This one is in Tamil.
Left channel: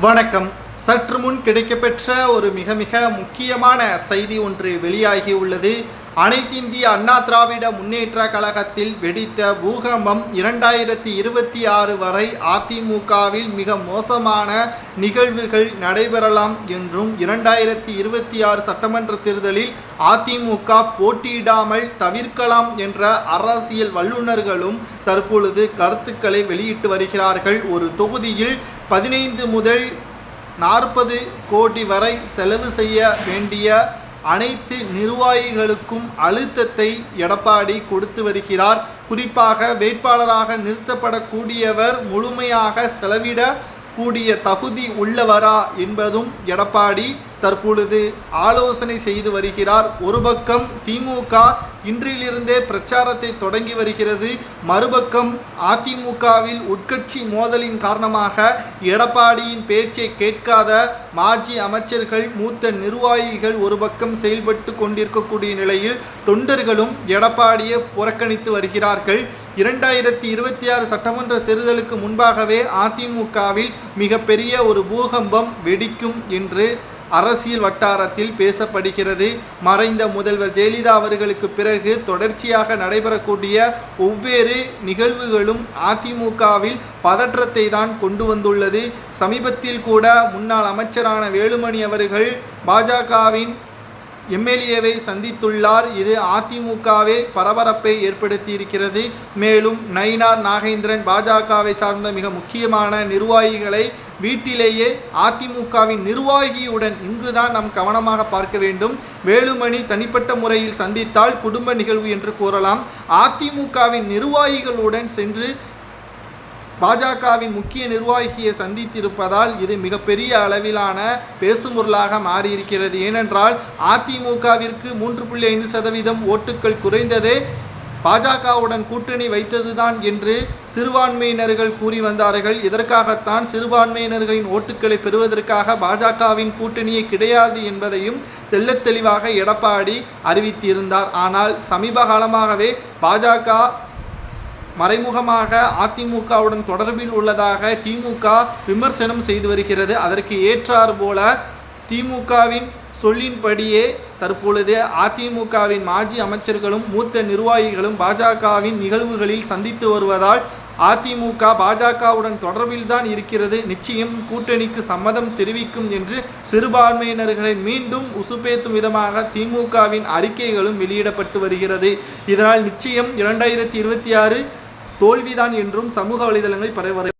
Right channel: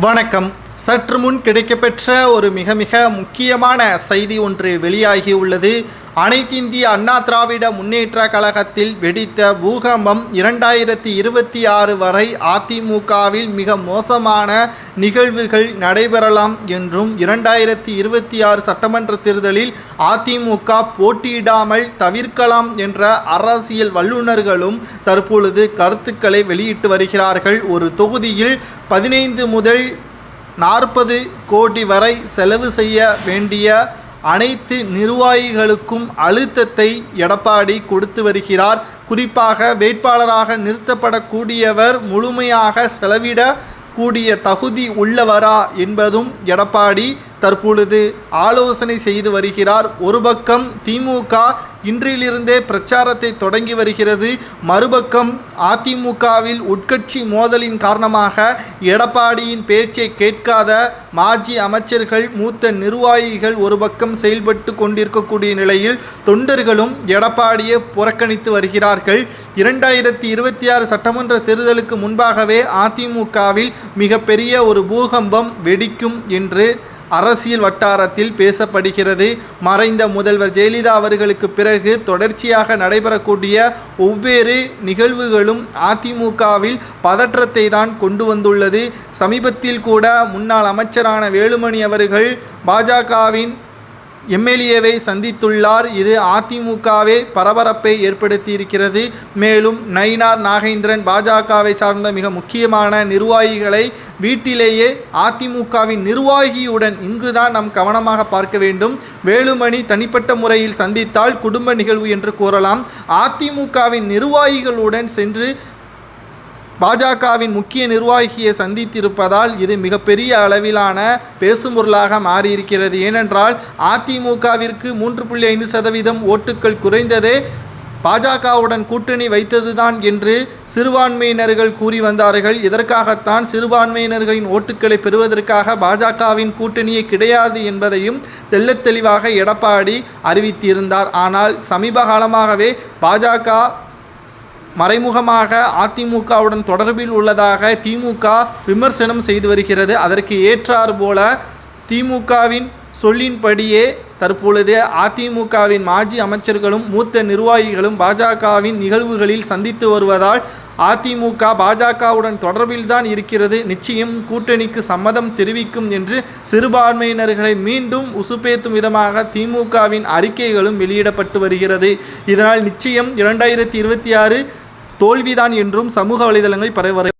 வணக்கம். சற்று முன் கிடைக்கப்பெற்ற ஒரு மிக மிக முக்கியமான செய்தி ஒன்று வெளியாகியுள்ளது. அனைத்திந்திய அண்ணா திராவிட முன்னேற்ற கழகத்தில் வெடித்த பூகம்பம் 2026 வரை அதிமுகவில் மிக மோசமான நிகழ்வுகள் நடைபெறலாம் என்றும் 2026 சட்டமன்ற தேர்தலில் அதிமுக போட்டியிடாமல் தவிர்க்கலாம் என்ற அரசியல் வல்லுநர்களும் தற்பொழுது கருத்துக்களை வெளியிட்டு வருகிறார்கள். ஒரு தொகுதியில் 15 முதல் 40 கோடி வரை செலவு செய்ய வேண்டிய அனைத்து நிர்வாகிகளுக்கும் அழுத்தத்தை எடப்பாடி கொடுத்து வருகிறார். குறிப்பாக வேட்பாளராக நிறுத்தப்படக்கூடியவர் முழுமையாக செலவிட கூடிய தகுதி உள்ளவரா என்பதும் எடப்பாடி தற்பொழுது ஆலோசனை செய்து வருகிறார். ஒரு பக்கம் திமுக இன்றிலிருந்தே பிரச்சாரத்தை தொடங்கி வருகிறது. மறுபக்கம் அதிமுகவில் உட்கட்சி மோதலின் காரணமாக எடப்பாடியின் பேச்சை கேட்காத மாஜி அமைச்சர்கள், மூத்த நிர்வாகிகள் ஒரு பக்கம் செயல்பட்டு கொண்டிருக்கக்கூடிய நிலையில் தொண்டர்களும் எடப்பாடியை புறக்கணித்து வருகிறார்கள். 2026 சட்டமன்ற தேர்தலுக்கு முன்பாகவே அதிமுகவில் மிகப்பெரிய ஒரு பூகம்பம் வெடிக்கும் என்று அரசியல் வட்டாரத்தில் பேசப்படுகிறது. மறைந்த முதல்வர் ஜெயலலிதா அவர்களுக்கு பிறகு தொடர்ச்சியாக நடைபெறக்கூடிய ஒவ்வொரு நிகழ்வுகளும் அதிமுகவில் பதற்றத்தை தான் கொண்டு வந்துள்ளது. சமீபத்தில் கூட முன்னாள் அமைச்சரான வேலுமணி அவர்கள் பாஜகவின் எம்எல்ஏவை சந்தித்துள்ளார். இது அதிமுகவே பரபரப்பை ஏற்படுத்தியிருக்கிறது. மேலும் நயினார் நாகேந்திரன் பாஜகவை சார்ந்த மிக முக்கியமான நிர்வாகிகளை வீட்டிலேயே அதிமுகவின் நிர்வாகியுடன் இங்குதான் நாம் கவனமாக பார்க்க வேண்டும். வேலுமணி தனிப்பட்ட முறையில் சந்தித்தால் குடும்ப நிகழ்வு என்று கூறலாம். அதிமுகவின் நிர்வாகிகளுடன் சென்று பாஜகவின் முக்கிய நிர்வாகியை சந்தித்திருப்பதால் இது மிகப்பெரிய அளவிலான பேசும்பொருளாக மாறியிருக்கிறது. ஏனென்றால் அதிமுகவிற்கு 3.5% ஓட்டுக்கள் குறைந்ததே பாஜகவுடன் கூட்டணி வைத்ததுதான் என்று சிறுபான்மையினர்கள் கூறி வந்தார்கள். இதற்காகத்தான் சிறுபான்மையினர்களின் ஓட்டுக்களை பெறுவதற்காக பாஜகவின் கூட்டணியே கிடையாது என்பதையும் தெள்ளத் தெளிவாக எடப்பாடி அறிவித்திருந்தார். ஆனால் சமீப காலமாகவே பாஜக மறைமுகமாக அதிமுகவுடன் தொடர்பில் உள்ளதாக திமுக விமர்சனம் செய்து வருகிறது. அதற்கு ஏற்றாறு போல திமுகவின் சொல்லின்படியே தற்பொழுது அதிமுகவின் மாஜி அமைச்சர்களும் மூத்த நிர்வாகிகளும் பாஜகவின் நிகழ்வுகளில் சந்தித்து வருவதால் அதிமுக பாஜகவுடன் தொடர்பில் தான் இருக்கிறது, நிச்சயம் கூட்டணிக்கு சம்மதம் தெரிவிக்கும் என்று சிறுபான்மையினர்களை மீண்டும் உசுப்பேத்தும் விதமாக திமுகவின் அறிக்கைகளும் வெளியிடப்பட்டு வருகிறது. இதனால் நிச்சயம் 2026 தோல்விதான் என்றும் சமூக வலைதளங்கள் பரவ